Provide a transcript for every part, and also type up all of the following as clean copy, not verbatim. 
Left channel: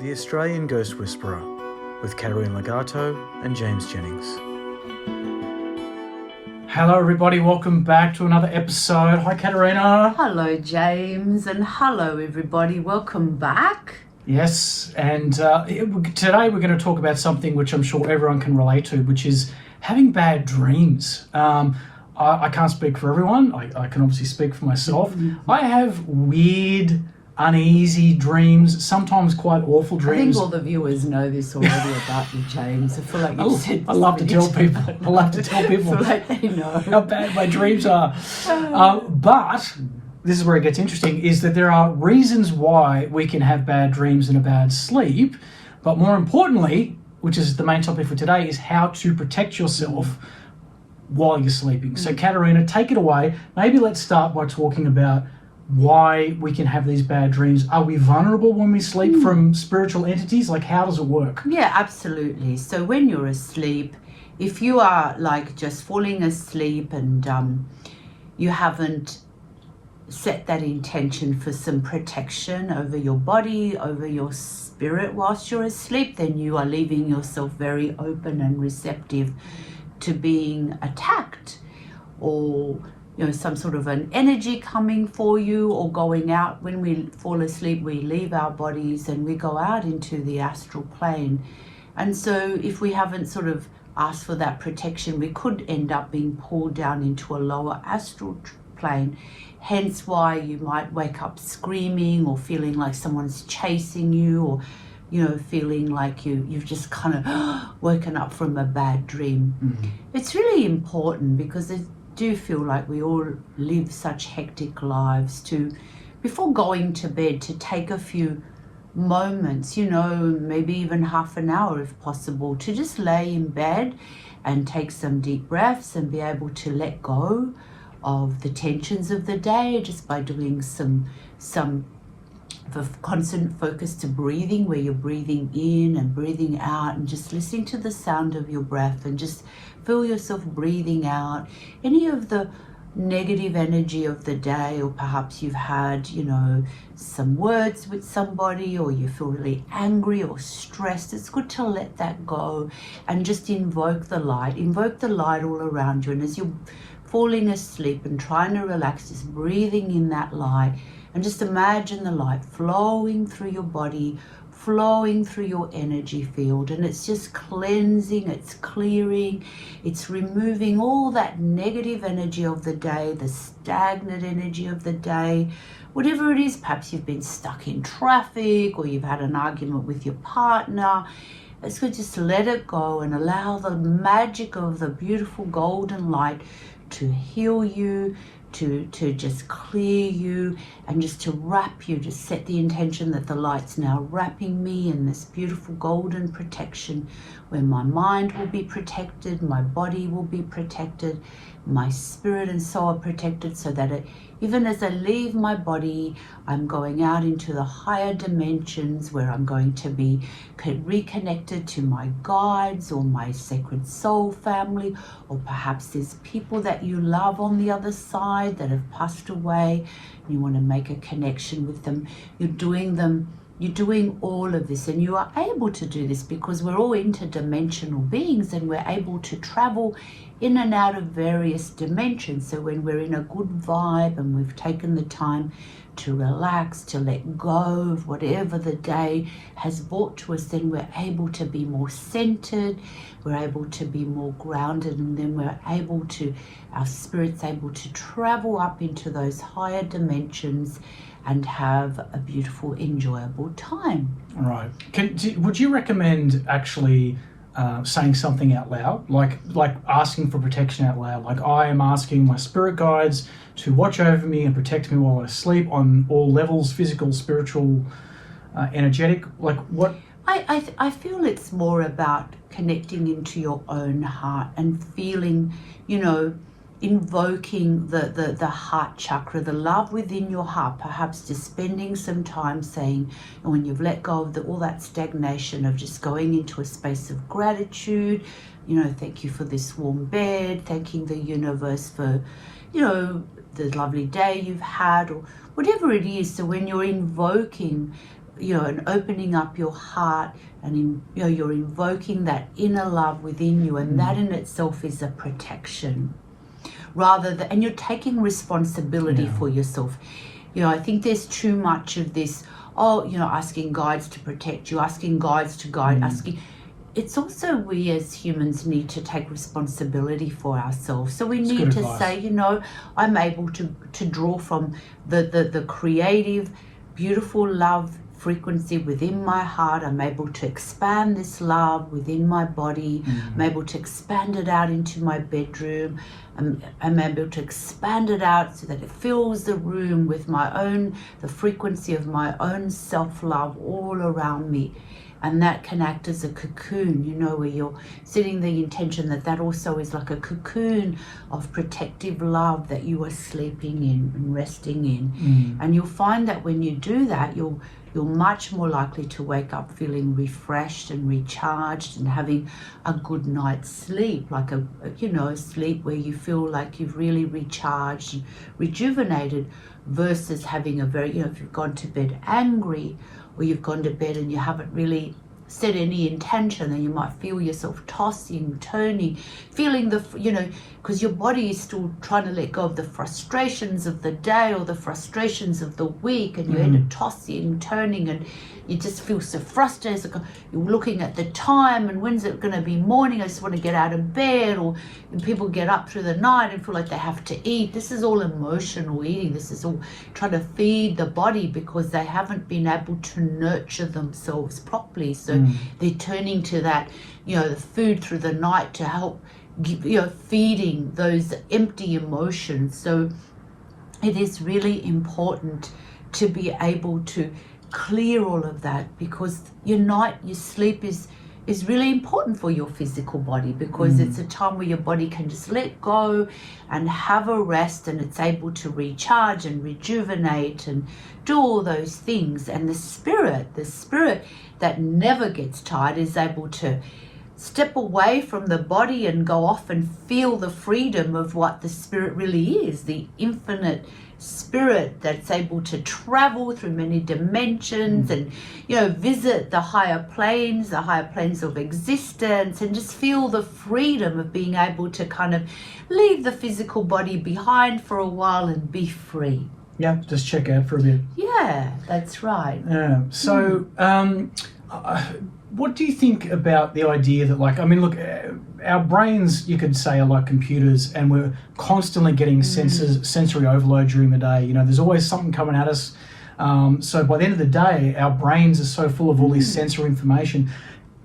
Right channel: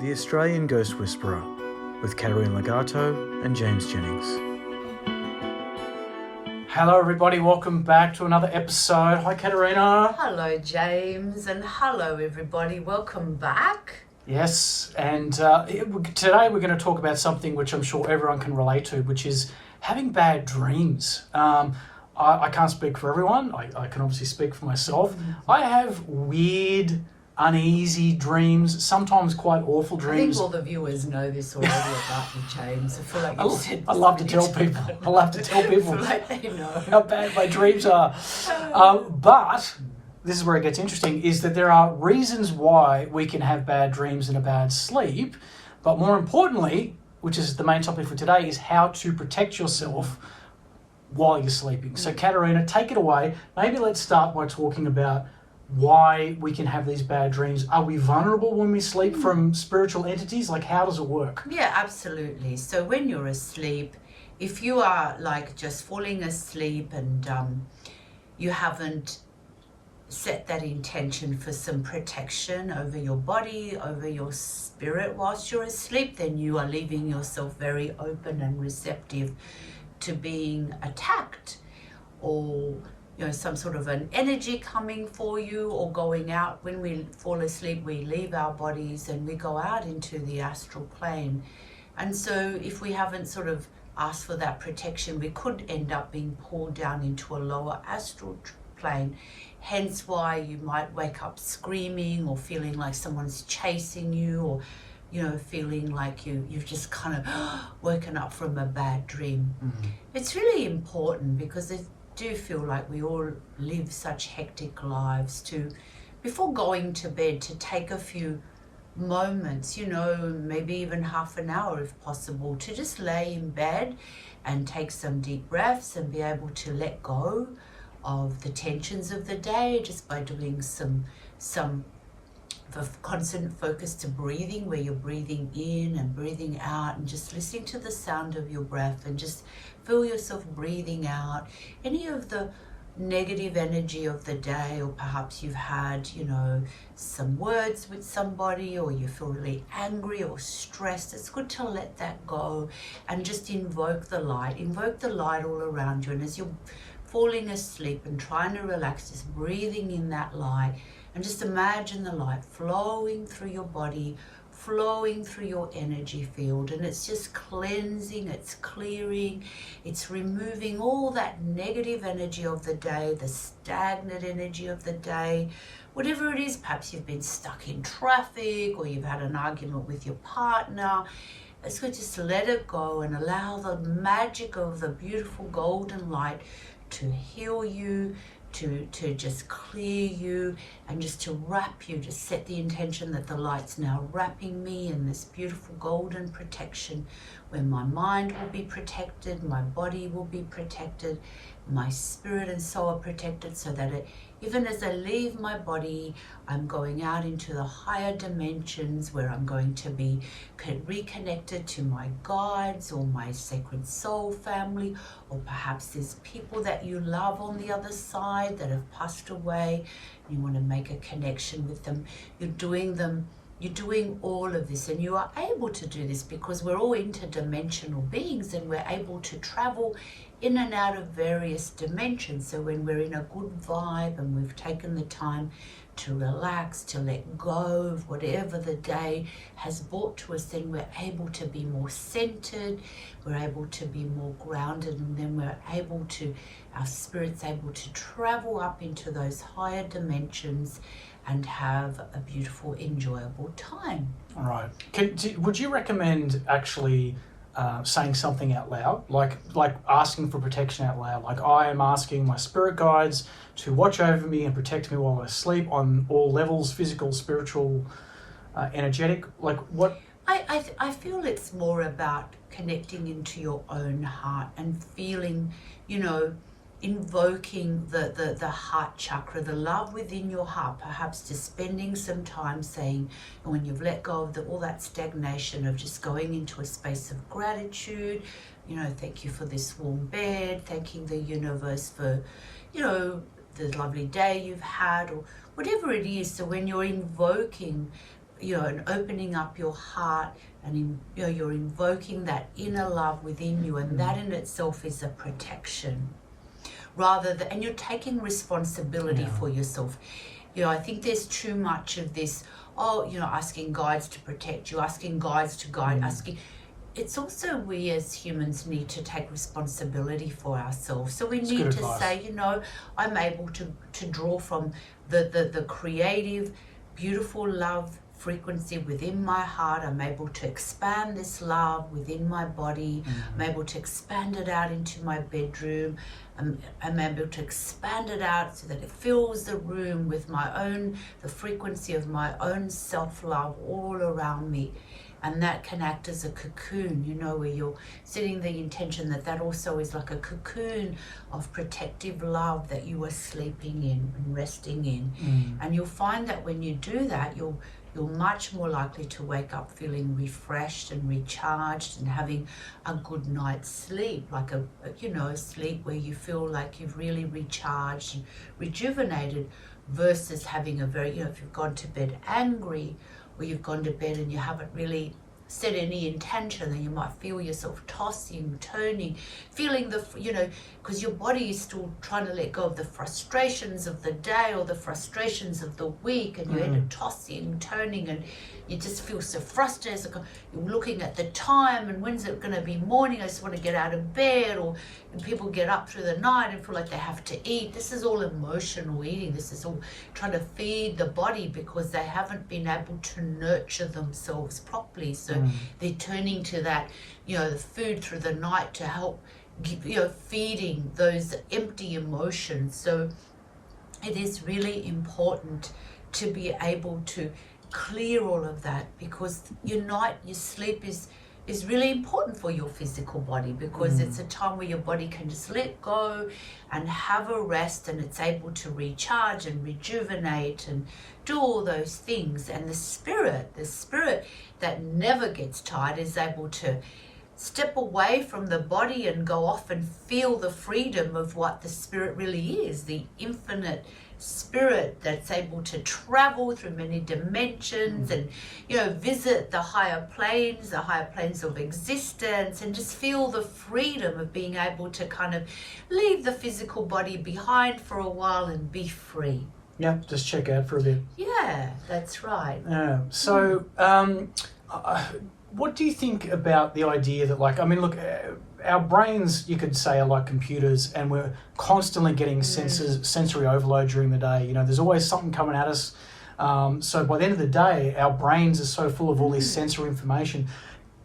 The Australian Ghost Whisperer with Katerina Legato and James Jennings. Hello everybody, welcome back to another episode. Hi Katerina. Hello James, and hello everybody, welcome back. Yes, and today we're going to talk about something which I'm sure everyone can relate to, which is having bad dreams. I can't speak for everyone, I can obviously speak for myself. I have weird, uneasy dreams, sometimes quite awful dreams. I think all the viewers know this already about you, James. I feel like you've said I love to tell people. I love to tell people I feel like they know how bad my dreams are. But this is where it gets interesting, is that there are reasons why we can have bad dreams and a bad sleep, but more importantly, which is the main topic for today, is how to protect yourself while you're sleeping. So Katerina, take it away. Maybe let's start by talking about why we can have these bad dreams. Are we vulnerable when we sleep from spiritual entities? Like, how does it work? Yeah, absolutely. So when you're asleep, if you are like just falling asleep and you haven't set that intention for some protection over your body, over your spirit whilst you're asleep, then you are leaving yourself very open and receptive to being attacked, or some sort of an energy coming for you, or going out. When we fall asleep, we leave our bodies and we go out into the astral plane. And so if we haven't sort of asked for that protection, we could end up being pulled down into a lower astral plane. Hence why you might wake up screaming, or feeling like someone's chasing you, or feeling like you've just kind of woken up from a bad dream. It's really important, because I do feel like we all live such hectic lives, to, before going to bed, to take a few moments, maybe even half an hour if possible, to just lay in bed and take some deep breaths and be able to let go of the tensions of the day, just by doing some constant focus to breathing, where you're breathing in and breathing out, and just listening to the sound of your breath, and just feel yourself breathing out any of the negative energy of the day, or perhaps you've had some words with somebody, or you feel really angry or stressed. It's good to let that go and just invoke the light all around you. And as you're falling asleep and trying to relax, just breathing in that light, and just imagine the light flowing through your body, flowing through your energy field, and it's just cleansing, it's clearing, it's removing all that negative energy of the day, the stagnant energy of the day, whatever it is. Perhaps you've been stuck in traffic, or you've had an argument with your partner. It's good, just let it go and allow the magic of the beautiful golden light to heal you, to just clear you, and just to wrap you. Just set the intention that the light's now wrapping me in this beautiful golden protection, where my mind will be protected, my body will be protected, my spirit and soul are protected, so that even as I leave my body, I'm going out into the higher dimensions, where I'm going to be reconnected to my guides, or my sacred soul family, or perhaps there's people that you love on the other side that have passed away, and you want to make a connection with them. You're doing all of this, and you are able to do this because we're all interdimensional beings, and we're able to travel in and out of various dimensions. So when we're in a good vibe and we've taken the time to relax, to let go of whatever the day has brought to us, then we're able to be more centered, we're able to be more grounded, and then our spirit's able to travel up into those higher dimensions and have a beautiful, enjoyable time. All right. Would you recommend actually saying something out loud, like asking for protection out loud? Like, I am asking my spirit guides to watch over me and protect me while I sleep, on all levels, physical, spiritual, energetic. Like, what? I feel it's more about connecting into your own heart and feeling, invoking the heart chakra, the love within your heart. Perhaps just spending some time saying, and when you've let go of all that stagnation, of just going into a space of gratitude, thank you for this warm bed, thanking the universe for, the lovely day you've had, or whatever it is. So when you're invoking and opening up your heart, and you're invoking that inner love within you, and that in itself is a protection. And you're taking responsibility for yourself. I think there's too much of this, asking guides to protect you, asking guides to guide, it's also we as humans need to take responsibility for ourselves. So we need to say, I'm able to draw from the creative, beautiful love frequency within my heart. I'm able to expand this love within my body. I'm able to expand it out into my bedroom. I'm able to expand it out so that it fills the room with the frequency of my own self-love all around me. And that can act as a cocoon, where you're setting the intention that also is like a cocoon of protective love that you are sleeping in and resting in. And you'll find that when you do that, you're much more likely to wake up feeling refreshed and recharged and having a good night's sleep, like a sleep where you feel like you've really recharged and rejuvenated, versus having a very, if you've gone to bed angry, or you've gone to bed and you haven't really set any intention, then you might feel yourself tossing, turning, feeling because your body is still trying to let go of the frustrations of the day or the frustrations of the week, and you end up tossing, turning, and you just feel so frustrated. You're looking at the time, and when's it going to be morning? I just want to get out of bed. Or people get up through the night and feel like they have to eat. This is all emotional eating. This is all trying to feed the body because they haven't been able to nurture themselves properly. So they're turning to that, the food through the night to help, feeding those empty emotions. So it is really important to be able to clear all of that, because your sleep is really important for your physical body, because it's a time where your body can just let go and have a rest, and it's able to recharge and rejuvenate and do all those things. And the spirit that never gets tired is able to step away from the body and go off and feel the freedom of what the spirit really is, the infinite spirit that's able to travel through many dimensions and visit the higher planes of existence, and just feel the freedom of being able to kind of leave the physical body behind for a while and be free. Yeah, just check out for a bit. Yeah, that's right. Yeah. So what do you think about the idea that, look, our brains, you could say, are like computers, and we're constantly getting sensory overload during the day. There's always something coming at us. So by the end of the day, our brains are so full of all this sensory information.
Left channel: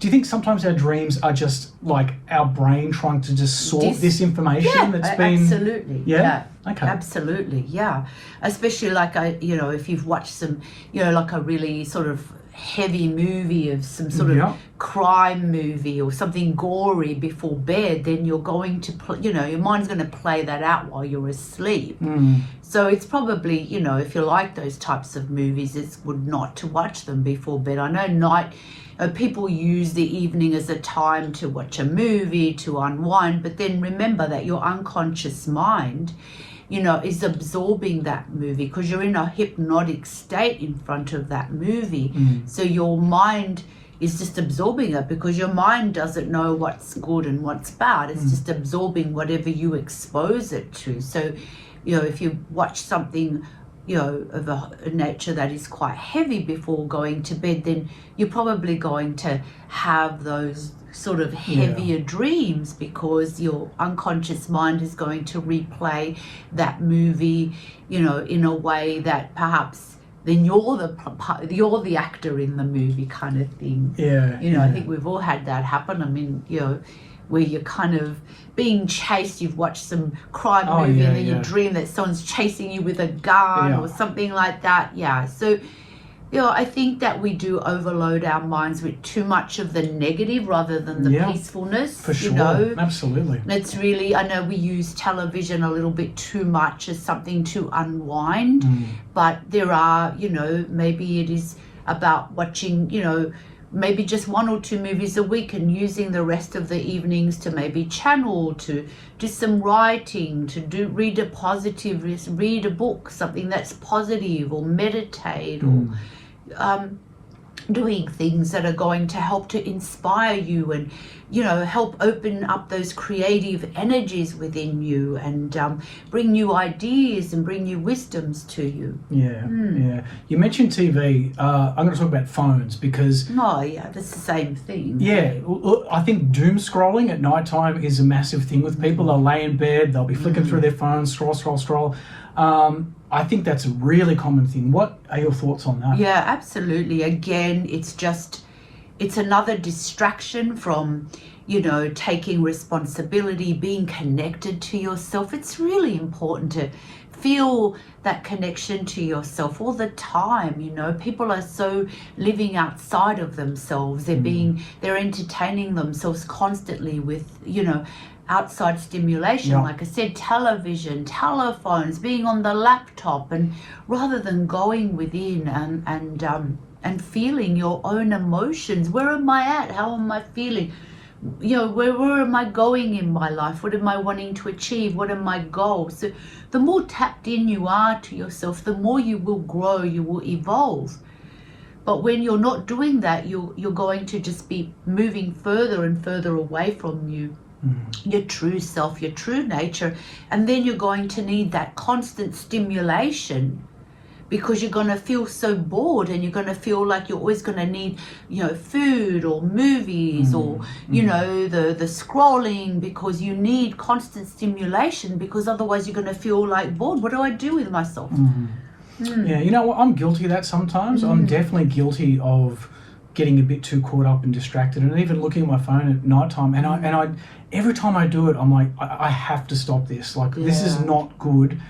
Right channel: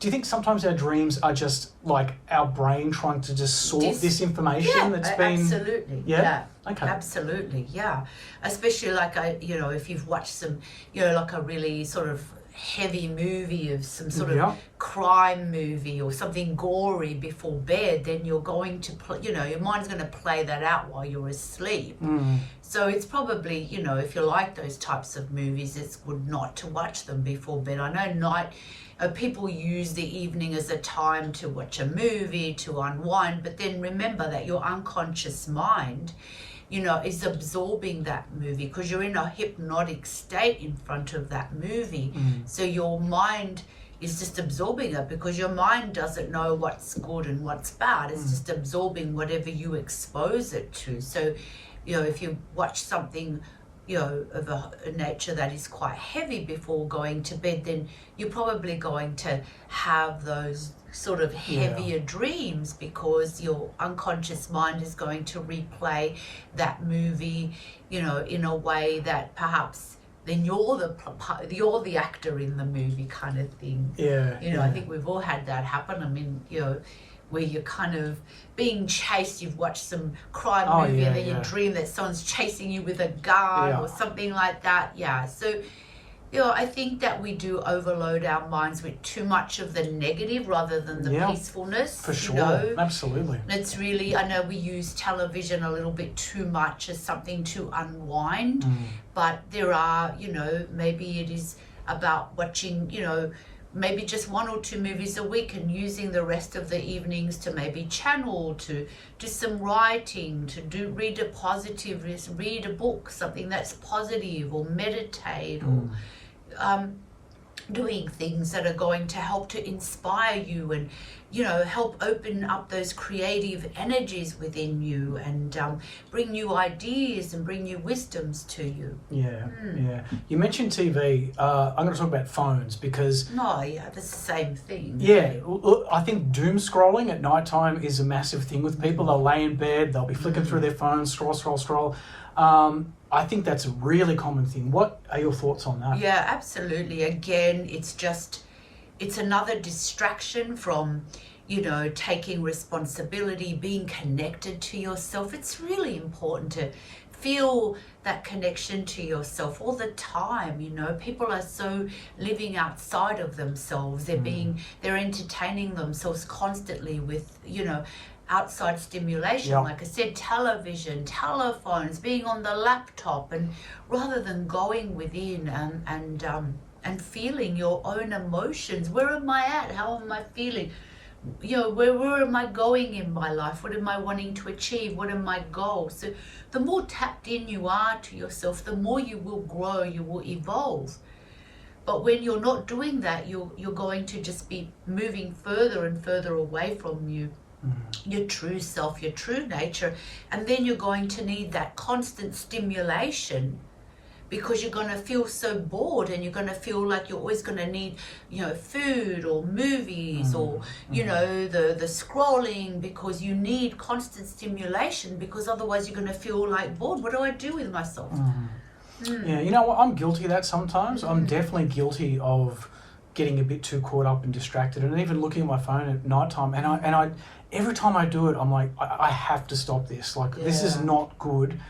Do you think sometimes our dreams are just like our brain trying to just sort this information that's been... Absolutely. Yeah? Okay. Absolutely, yeah. Especially if you've watched some, like a really sort of heavy movie of some sort of crime movie or something gory before bed, then you're going to your mind's going to play that out while you're asleep. So it's probably, if you like those types of movies, it's good not to watch them before bed. I know people use the evening as a time to watch a movie, to unwind, but then remember that your unconscious mind is absorbing that movie, because you're in a hypnotic state in front of that movie. So your mind is just absorbing it, because your mind doesn't know what's good and what's bad. It's just absorbing whatever you expose it to. So, if you watch something, of a nature that is quite heavy before going to bed, then you're probably going to have those sort of heavier dreams, because your unconscious mind is going to replay that movie, in a way that perhaps then you're the actor in the movie kind of thing. I think we've all had that happen. I mean, where you're kind of being chased. You've watched some crime movie and then you dream that someone's chasing you with a gun or something like that. Yeah. So, I think that we do overload our minds with too much of the negative rather than the peacefulness. For sure. Absolutely. It's really, I know we use television a little bit too much as something to unwind, but there are, maybe it is about watching, maybe just 1 or 2 movies a week, and using the rest of the evenings to maybe channel, to do some writing, to read a book, something that's positive, or meditate, or doing things that are going to help to inspire you and, you know, help open up those creative energies within you and bring new ideas and bring new wisdoms to you. Yeah, yeah. You mentioned TV. I'm going to talk about phones because No, yeah, that's the same thing. yeah, I think doom scrolling at night time is a massive thing with people. They'll lay in bed, they'll be flicking through their phones, scroll. I think that's a really common thing. What are your thoughts on that? Yeah, absolutely. Again, it's another distraction from, you know, taking responsibility, being connected to yourself. It's really important to feel that connection to yourself all the time. You know, people are so living outside of themselves. They're entertaining themselves constantly with, you know, outside stimulation, Yeah. like I said, television, telephones, being on the laptop, and rather than going within and feeling your own emotions. Where am I at? How am I feeling? You know, where am I going in my life? What am I wanting to achieve? What are my goals? So the more tapped in you are to yourself, the more you will grow, you will evolve. But when you're not doing that, you're going to just be moving further and further away from your true self, your true nature, and then you're going to need that constant stimulation because you're going to feel so bored and you're going to feel like you're always going to need, you know, food or movies or, you know, the scrolling, because you need constant stimulation, because otherwise you're going to feel like bored. What do I do with myself? Yeah, you know what? I'm guilty of that sometimes. I'm definitely guilty of getting a bit too caught up and distracted, and even looking at my phone at nighttime. And I every time I do it, I'm like, I have to stop this. Like, this is not good.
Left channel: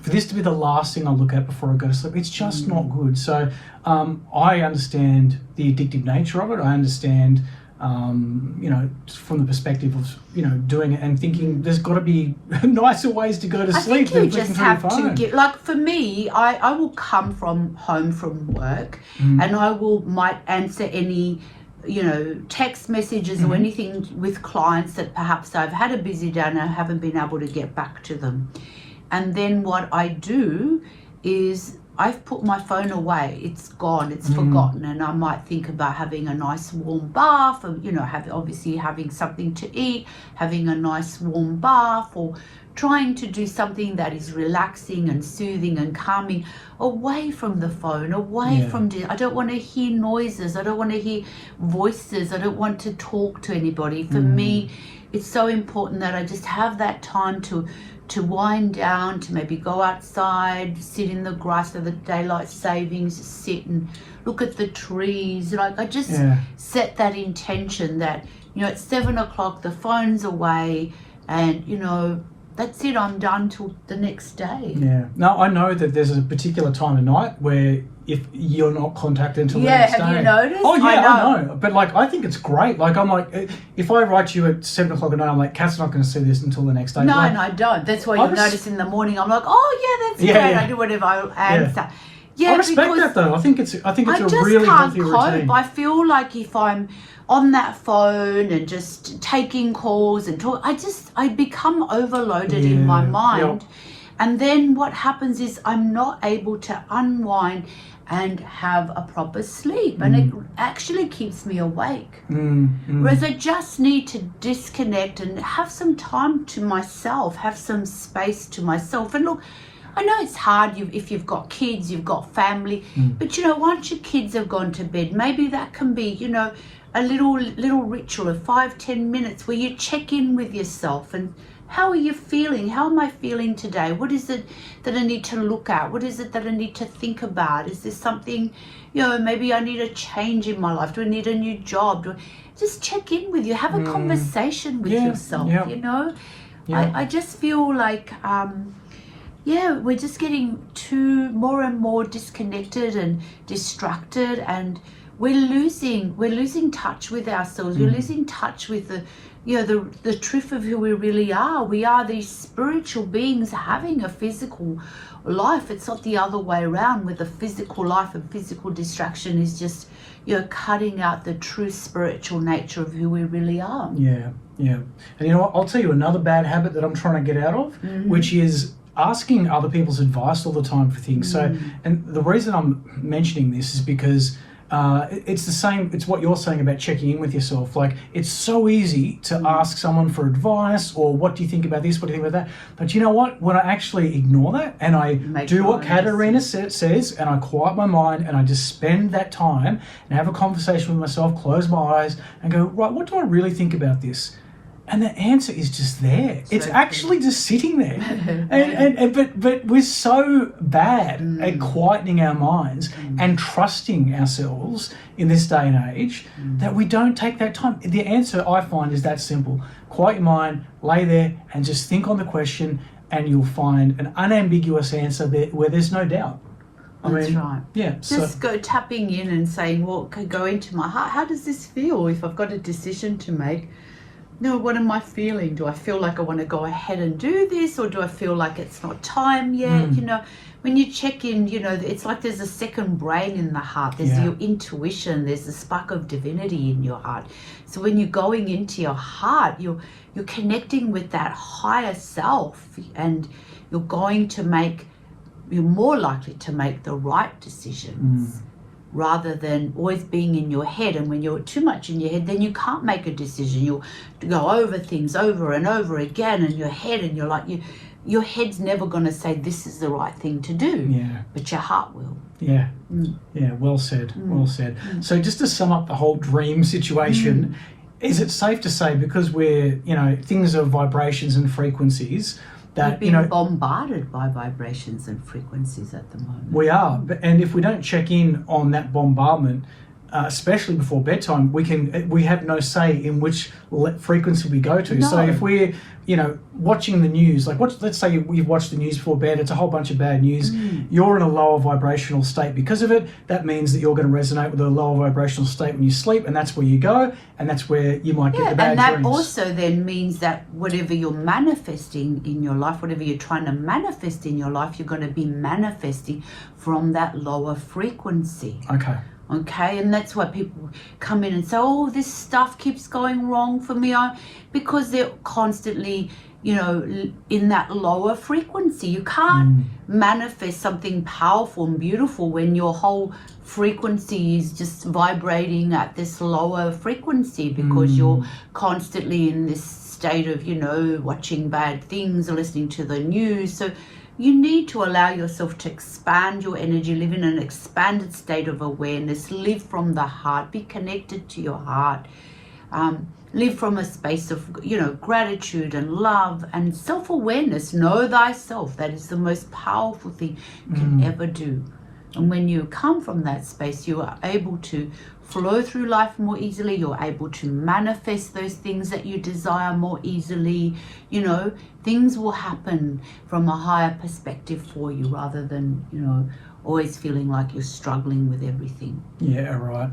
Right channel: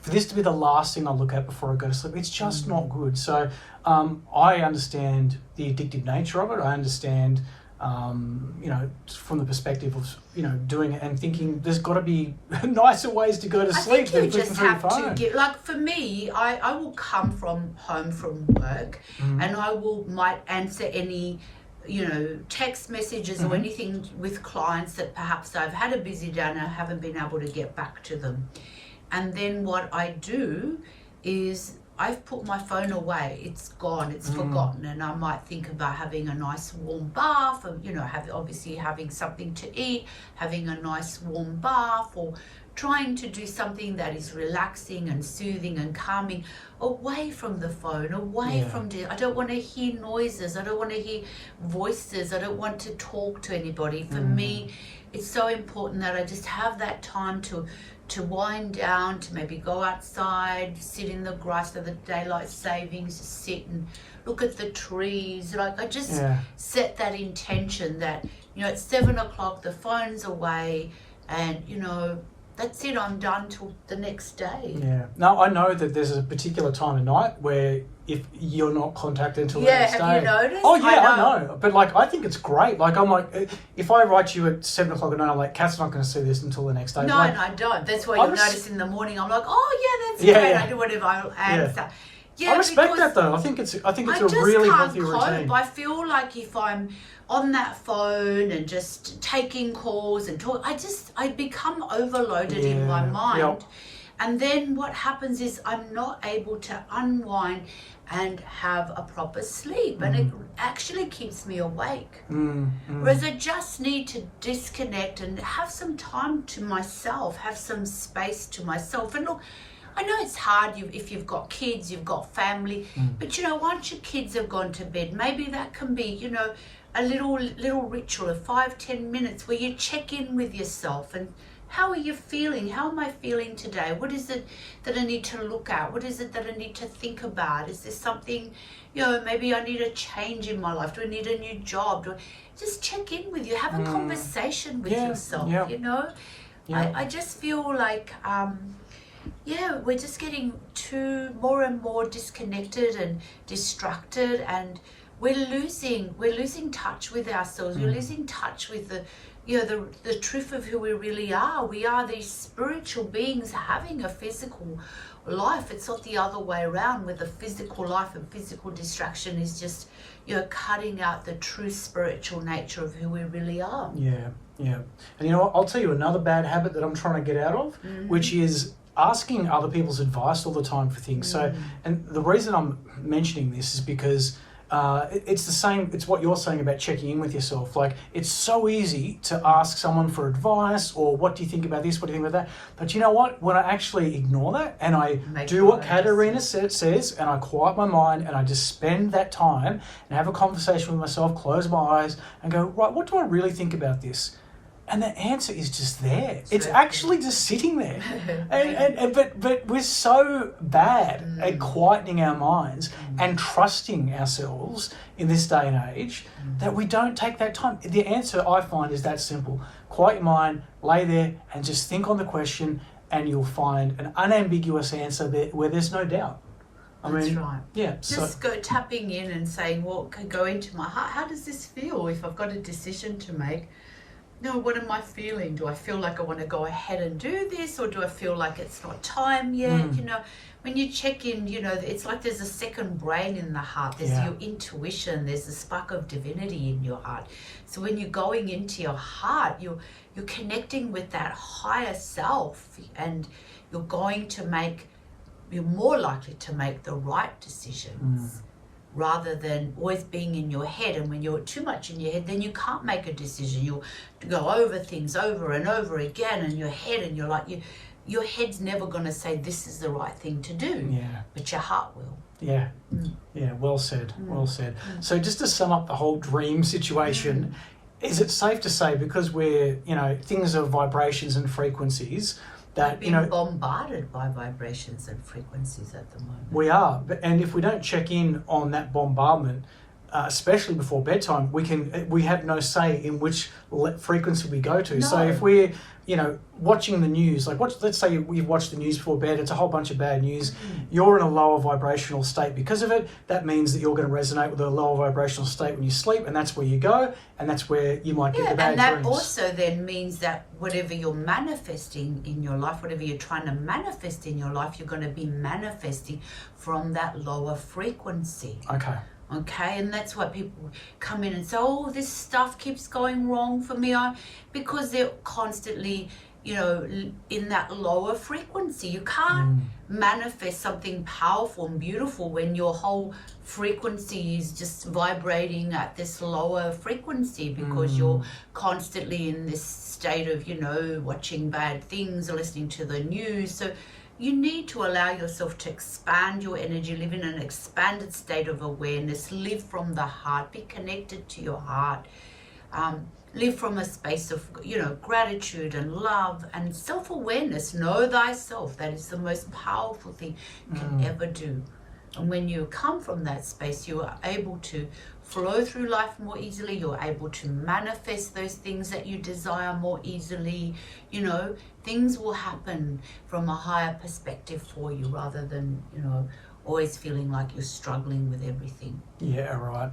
For this to be the last thing I look at before I go to sleep, it's just not good. So I understand the addictive nature of it. I understand, you know, from the perspective of, you know, doing it and thinking there's got to be nicer ways to go to sleep I than think you flicking just through your have to phone. get, like for me, I will come home from work and I might answer any, you know, text messages or anything with clients that perhaps I've had a busy day and I haven't been able to get back to them. And then what I do is I've put my phone away. It's gone. It's forgotten. And I might think about having a nice warm bath, and, you know, obviously having something to eat, having a nice warm bath, or trying to do something that is relaxing and soothing and calming, away from the phone, away from I don't want to hear noises. I don't want to hear voices. I don't want to talk to anybody. For me, it's so important that I just have that time to wind down, to maybe go outside, sit in the grass for the daylight savings, sit and look at the trees. Like, I just set that intention that, you know, at 7 o'clock the phone's away, and, you know, that's it, I'm done till the next day. Yeah. Now, I know that there's a particular time of night where if you're not contacted until the next day. Have you noticed? Oh, yeah, I know. But, like, I think it's great. Like, I'm like, if I write you at 7 o'clock at night, I'm like, Kat's not going to see this until the next day. No, like, and I don't. That's why you'll notice in the morning I'm like, oh, yeah, that's great. Yeah. I do whatever I answer. Yeah, I respect because that, though. I think it's a just really can't healthy cope. routine. I feel like if I'm on that phone and just taking calls and talk, I become overloaded in my mind. Yep. And then what happens is I'm not able to unwind and have a proper sleep, and it actually keeps me awake. Whereas I just need to disconnect and have some time to myself, have some space to myself. And look, I know it's hard if you've got kids, you've got family, but, you know, once your kids have gone to bed, maybe that can be, you know, a little ritual of 5-10 minutes where you check in with yourself and how are you feeling? How am I feeling today? What is it that I need to look at? What is it that I need to think about? Is there something, you know, maybe I need a change in my life? Do I need a new job? Just check in with you. Have a conversation with yourself, you know? Yeah. I just feel like, we're just getting more and more disconnected and distracted, and we're losing touch with ourselves. We're losing touch with the truth of who we really are. We are these spiritual beings having a physical life. It's not the other way around, where the physical life and physical distraction is just, you know, cutting out the true spiritual nature of who we really are. Yeah. And you know what? I'll tell you another bad habit that I'm trying to get out of, which is asking other people's advice all the time for things. So, and the reason I'm mentioning this is because it's the same. It's what you're saying about checking in with yourself. Like, it's so easy to ask someone for advice, or what do you think about this? What do you think about that? But you know what? When I actually ignore that and I do what Katerina says, and I quiet my mind and I just spend that time and have a conversation with myself, close my eyes and go, right, what do I really think about this? And the answer is just there. It's actually just sitting there. But we're so bad at quietening our minds and trusting ourselves in this day and age that we don't take that time. The answer, I find, is that simple. Quiet your mind, lay there and just think on the question, and you'll find an unambiguous answer there where there's no doubt. That's right. Yeah. Just go tapping in and saying, well, go into my heart. How does this feel if I've got a decision to make? No, what am I feeling? Do I feel like I want to go ahead and do this, or do I feel like it's not time yet? You know, when you check in, you know, it's like there's a second brain in the heart. There's your intuition. There's a spark of divinity in your heart. So when you're going into your heart, you're connecting with that higher self, and you're more likely to make the right decisions. Rather than always being in your head. And when you're too much in your head, then you can't make a decision. You'll go over things over and over again in your head, and you're like, your head's never going to say this is the right thing to do, but your heart will. Yeah, well said, well said. So just to sum up the whole dream situation, is it safe to say, because we're, you know, things are vibrations and frequencies, that, we're being bombarded by vibrations and frequencies at the moment. We are, and if we don't check in on that bombardment, especially before bedtime, we have no say in which frequency we go to. No. So if we're, you know, watching the news, like let's say you've watched the news before bed, it's a whole bunch of bad news. You're in a lower vibrational state because of it. That means that you're going to resonate with a lower vibrational state when you sleep, and that's where you go, and that's where you might get the bad dreams. And that also then means that whatever you're manifesting in your life, whatever you're trying to manifest in your life, you're going to be manifesting from that lower frequency. Okay, and that's why people come in and say, oh, this stuff keeps going wrong for me, because they're constantly, you know, in that lower frequency. You can't manifest something powerful and beautiful when your whole frequency is just vibrating at this lower frequency, because you're constantly in this state of, you know, watching bad things or listening to the news. So you need to allow yourself to expand your energy, live in an expanded state of awareness, live from the heart, be connected to your heart, live from a space of, you know, gratitude and love and self-awareness. Know thyself. That is the most powerful thing you can ever do. And when you come from that space, you are able to flow through life more easily. You're able to manifest those things that you desire more easily. You know, things will happen from a higher perspective for you, rather than, you know, always feeling like you're struggling with everything. Yeah, right.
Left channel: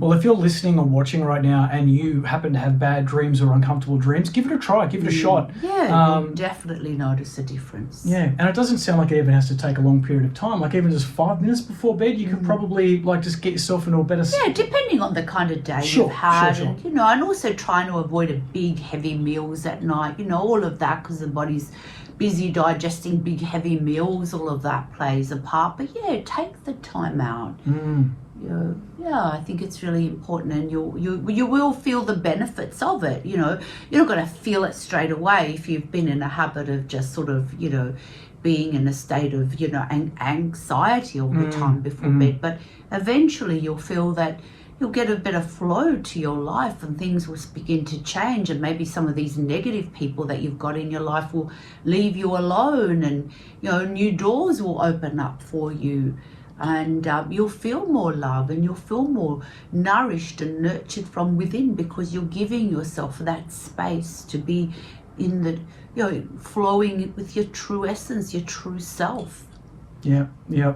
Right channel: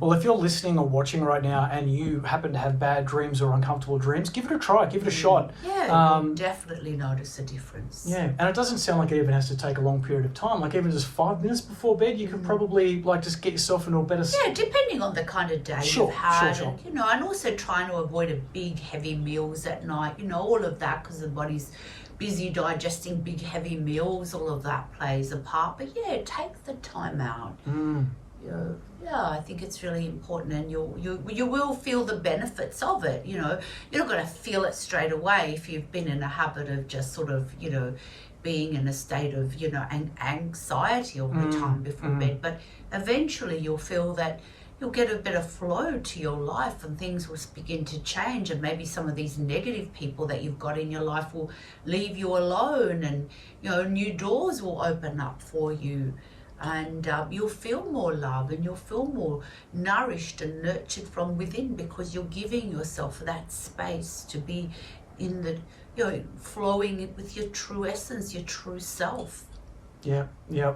Well, if you're listening or watching right now and you happen to have bad dreams or uncomfortable dreams, give it a try, give it a shot. Yeah, you definitely notice a difference. Yeah, and it doesn't sound like it even has to take a long period of time. Like even just 5 minutes before bed, you could probably like just get yourself into a better... Yeah, depending on the kind of day you've had. And, you know, and also trying to avoid a big, heavy meals at night, you know, all of that, because the body's busy digesting big, heavy meals, all of that plays a part. But yeah, take the time out. You know, yeah, I think it's really important, and you will feel the benefits of it. You know, you're not going to feel it straight away if you've been in a habit of just sort of, you know, being in a state of, you know, anxiety all the time before bed. But eventually you'll feel that you'll get a better flow to your life, and things will begin to change, and maybe some of these negative people that you've got in your life will leave you alone, and, you know, new doors will open up for you, and you'll feel more love, and you'll feel more nourished and nurtured from within, because you're giving yourself that space to be in the, you know, flowing with your true essence, your true self. Yeah,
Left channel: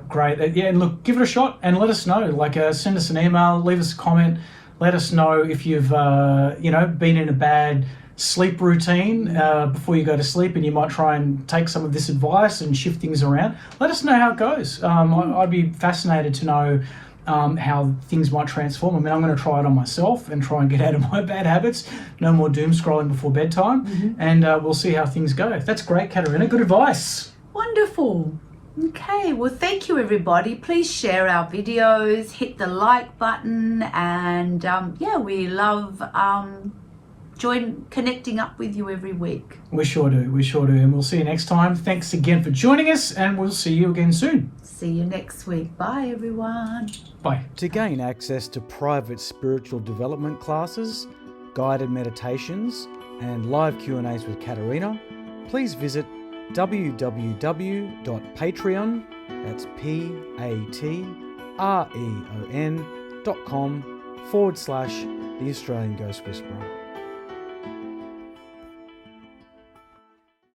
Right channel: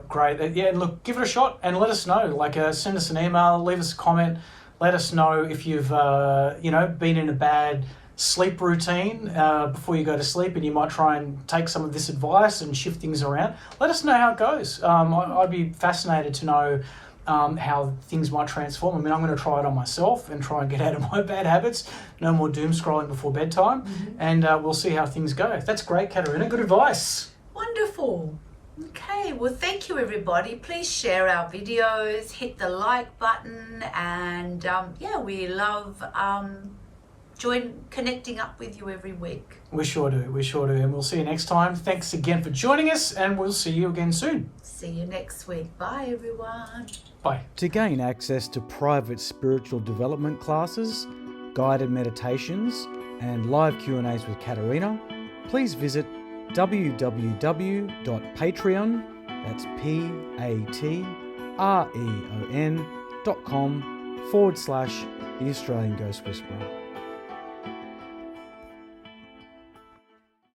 great. And look, give it a shot and let us know. Like, send us an email, leave us a comment, let us know if you've, you know, been in a bad sleep routine before you go to sleep, and you might try and take some of this advice and shift things around. Let us know how it goes. I'd be fascinated to know how things might transform. I mean, I'm going to try it on myself and try and get out of my bad habits. No more doom scrolling before bedtime, and we'll see how things go. That's great, Katerina. Good advice. Wonderful. Okay, well, thank you, everybody. Please share our videos, hit the like button, and yeah, we love connecting up with you every week. We sure do, and we'll see you next time. Thanks again for joining us, and we'll see you again soon. See you next week. Bye, everyone. Bye. To gain access to private spiritual development classes, guided meditations, and live Q&As with Katerina, please visit www.patreon, that's patreon.com/The Australian Ghost Whisperer.